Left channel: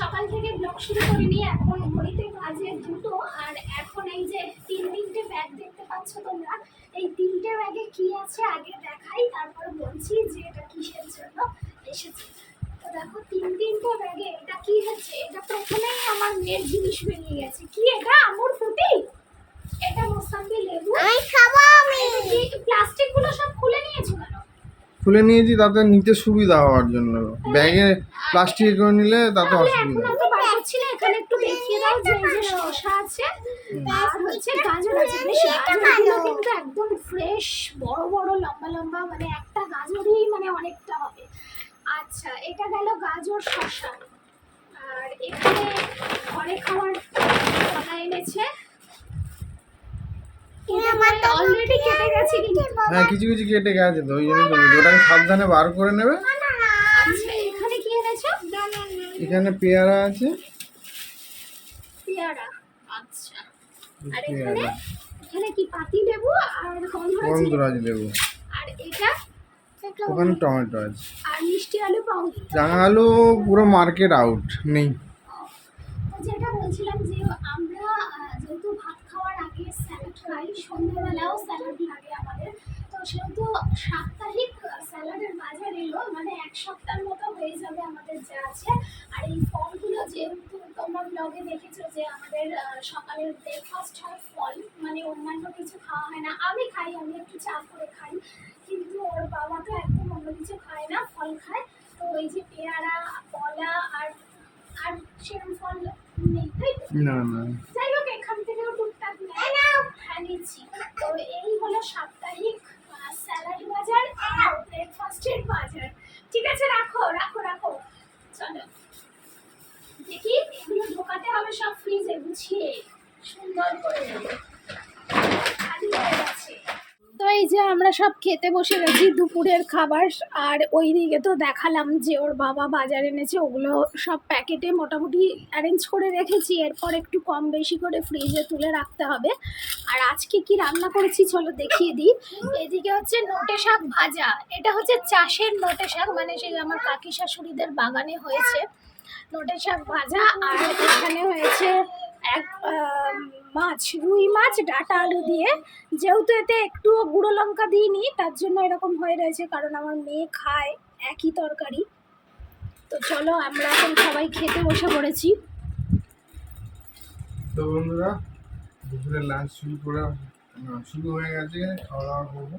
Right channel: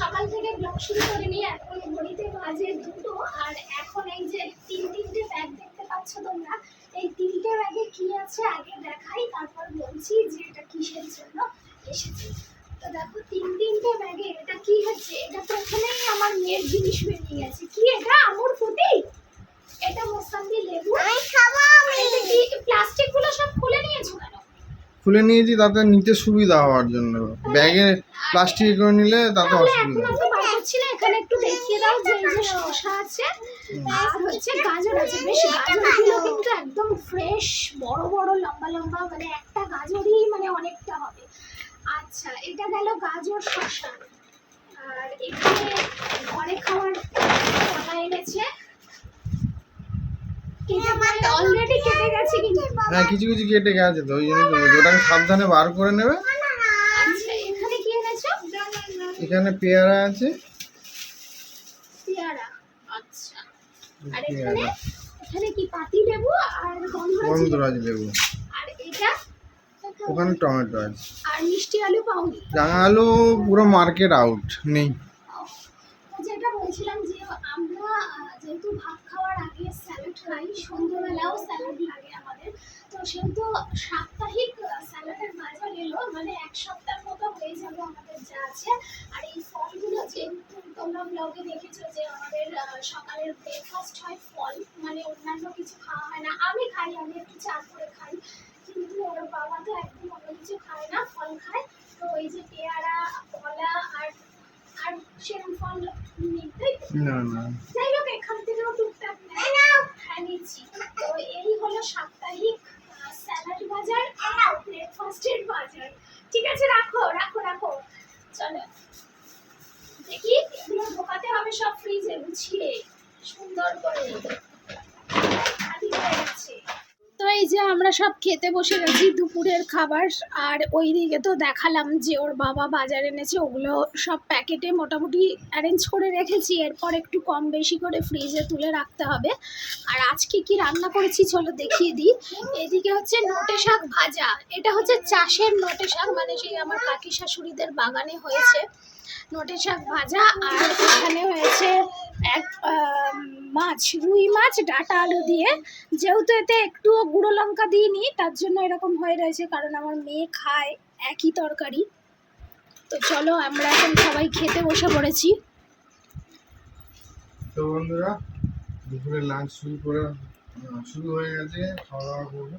সকাল থেকে ব্লগ শুরু করিনি এখন ঘড়িতে বাজে দুটো আর এখন এই যে তিন তিনটে ব্যাগ দেখতে পাচ্ছ তোমরা এই তিনটে ব্যাগে কি আছে আগে দেখাই তারপর বলছি যে এটা কিসের জন্য এসেছে। তো দেখো তিন তিনটে ব্যাগে এটা কি হচ্ছে? এটা প্রথমেই আমার মেয়ের জিনিস বেরিয়ে গেছে। কি এটা? আমুর ফুটি? এটা মোসাম্বি লেবু? আমি খাব আমি এটা কি প্লাস্টিকগুলো সব খুলে নিয়েছো কেন? খুলে নিয়েছি তাতে নিতে সুবিধা হওয়ার জন্য। ব্যাগে প্লাস্টিক করে নিলে তাতে অসুবিধা তো বার করছি না এখানে একটু দেখিয়ে দাও যে এই যে শসা আছে আর হচ্ছে গাজর আছে। বেশ গাজরগুলো কিন্তু একদম ফ্রেশ বড় বড় লম্বা লম্বা মানে একটা গাজরই মানে অনেকটা হবে। আচ্ছা এটা গেল গাজর শসা। আর এখানে ঘরে খাওয়ার কটা এনেছে। অলরেডি কেটে গেছে কিন্তু। হ্যাঁ কিছু কিছু কেটে গেছে তো ওই জন্য। ওটাকে সাবধানে বার করে নেবে আচ্ছা এখানে কি এনেছো এখানে পেয়ারা আছে। পেয়ারা আচ্ছা। আর এখানে এখানে কি পাতি লেবু আর গন্ধরাজ লেবু। আর এটা? ওখানে টমেটো আছে। আর মিষ্টি আলু পাউনি রাঙা আলু পুরো মার্কেট আউট নেই। যেটা বলছিলাম যে আমরা যেহেতু ভাত খাওয়ার আগে স্যালাড খাই সন্ধ্যেবেলাও স্যালাড লাগে আমাদের। তো সেহেতু সাপ্তাহিক স্যালাডের বাজার এলো মানে এক সপ্তাহের মতো হয়ে যাবে আমাদের যা আছে। আর এই ফলগুলো যেহেতু তোমরা ব্লগে দেখেছ যে আমাদের সকালের ব্রেকফাস্ট হয় ফল মানে অন্যান্য কিছু খাওয়া হয় না। আমি খাই আমি একটু চা করে খাই কিন্তু ওর বাবা তো একদম অন্য কিছু খায় না ফল খায়। তো এই যে পেয়ারা কলা আর আর সেরকম ফল নেই তাই না না। যাই হোক এখান থেকেও টুকটাক নেয়। হ্যাঁ নিচ্ছি। তো এই হলো সাপ্তাহিক স্যালাড বাজার আর ব্রেকফাস্টের বাজার। ঠিক আছে, রাখো রাখো রাখো। চলো। দেখি, এগুলো ঢোকাতে হবে সব ফ্রিজে গুছিয়ে সুন্দর করে খালি হয়ে গেছে তো এই যে আমরা সব খেতে বসে গেছি দুপুরের খাবার, আর ওই দিকে তো দেখালাম যে ওর বাবা বাজার এনেছে, ওগুলো সব প্যাকেটে মোটামুটি অ্যারেঞ্জ করে রেখেছি, এরপর একটু কম বেশি করে ফ্রিজে তুলে রাখতে হবে। আর আজকে কি রান্না করেছি চলো দেখিয়ে দিই। এদিকে হচ্ছে নোটে শাক ভাজা, এটা হচ্ছে চাষের নোটে শাক মানে সেই আমার কাকি শাশুড়িদের বাগানে হয়েছে। নোটে শাক ভাজা আর এখানে হয়েছে এক মাছ রুই মাছ ডাটা আলু দিয়ে। যেহেতু এতে একটু গুঁড়ো লঙ্কা দিইনি তার জন্য এরকম হয়ে রয়েছে কারণ আমার মেয়ে খায় একই তরকারি। তো চলো আমরা এখন সবাই খেতে বসে পড়েছি। তো বন্ধুরা দুপুরে লাঞ্চ শুরু করে শুরু হয়ে গেছে খাওয়া দাওয়া করব।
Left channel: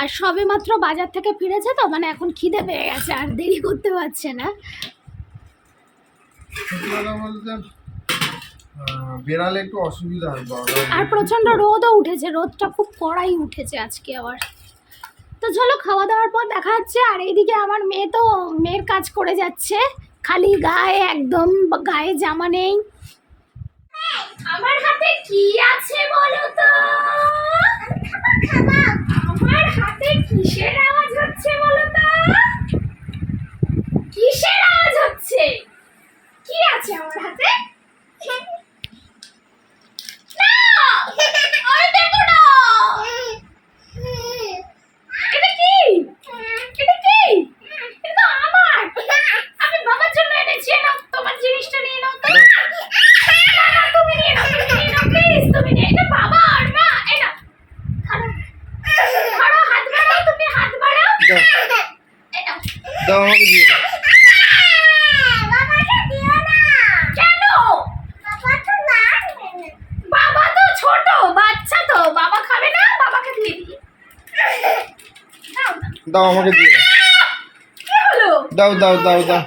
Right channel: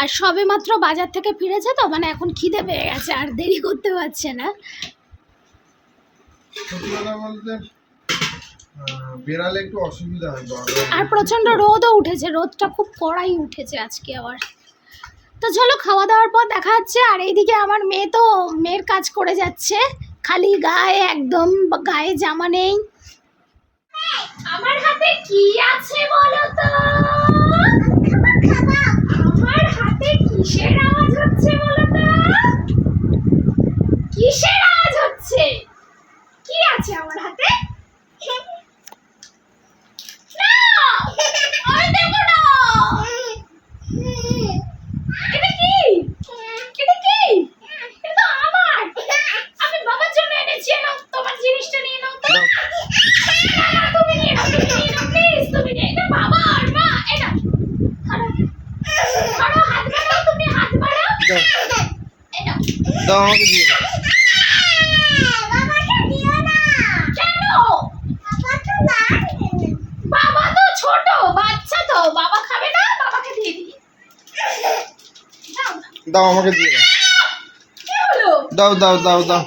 আর সবে মাত্র বাজার থেকে ফিরেছে তো মানে এখন খিদে পেয়ে গেছে আর দেরি করতে পারছে না। সত্যি কথা বলতে বেরালে একটু অসুবিধা হয় আর প্রচণ্ড রোদও উঠেছে রোদটা খুব কড়াই উঠেছে আজকে আবার। তো চলো খাওয়া দাওয়ার পর দেখা যাচ্ছে আর এইদিকে আমার মেয়ে তো মেয়ের কাজ করে যাচ্ছে খালি গায়ে একদম গায়ে জামা নেই। আমার হাতে কি আছে বলো তো? আমার হাতে কিসের আওয়াজ হচ্ছে বলো তো কিসের আওয়াজ হচ্ছে কি আছে আমার হাতে না আরে দেখো না এটা কি এটা কি এটা তো আমার আমি বাবার জন্য এনেছি নাও তোমার জিনিসটা ধরো। ধরো হাত দাও আমাকে দিয়ে দাও কেন বাবা তো ছোট বাচ্চা তো বাবা খাবে না বাবাকে দিয়ে দিই দাও আমাকে দিয়ে দাও দাও দাও দাও।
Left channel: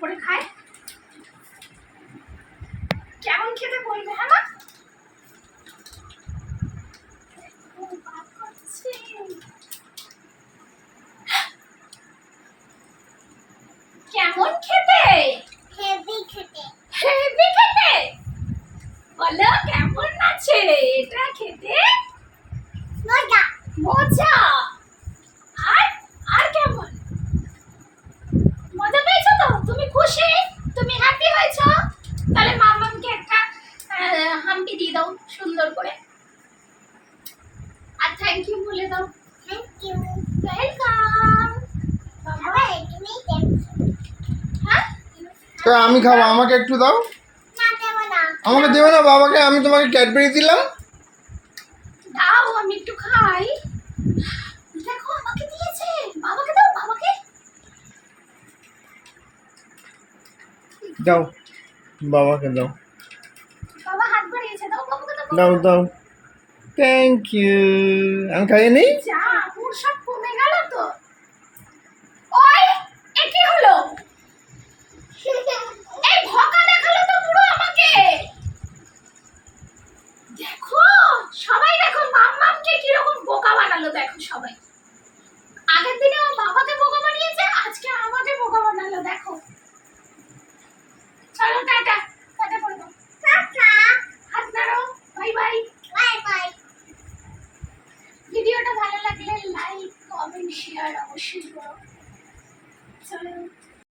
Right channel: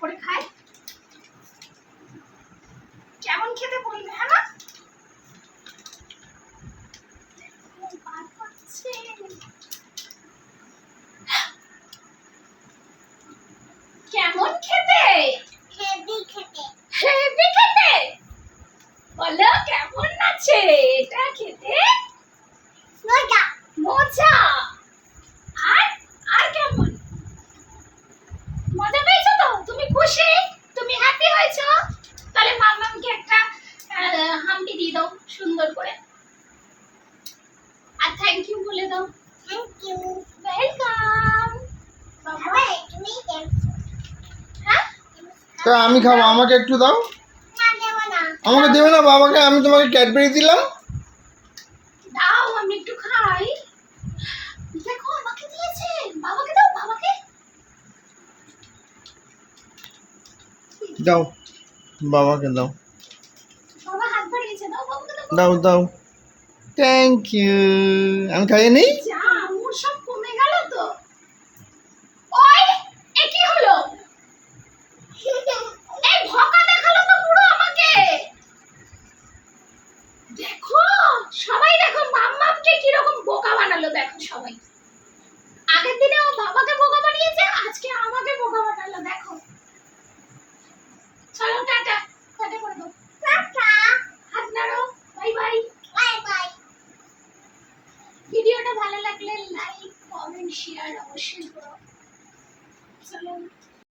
করে খায় কেমন খেতে বলবে হ্যাঁ খেতে? বলো কেমন আছে? এটা খেতে? মজা? তো আমি খাব আমাকে একটু দাও। আমাকে দেবে না বাবাকে আমি তোমাকে ক্যাডবেরি দিলাম। দাও আমি একটু খাই। দেখো আমাকে দিয়েছে। বাবাকে দাও বাবাকে। দাও বাবাকে দাও। বাবা হাত বাড়িয়েছে দাও বাবাকে দাও দাও দাও। থ্যাংক ইউ আমি খাইয়ে নেই যা আঙুর সব কমে গেল তো ওই এ কি হলো এই ভকা দেখাল তো পুরো আমাকে দেখো, সবাই দেখো, মাম্মামকে কীরকম বোকা বানালো, দেখো সবাই। আগের দিনে ও বাবাকে বোকা বানিয়েছে, আজকে আমাকে বোকা বানালো, দেখো। চলো, টাটা।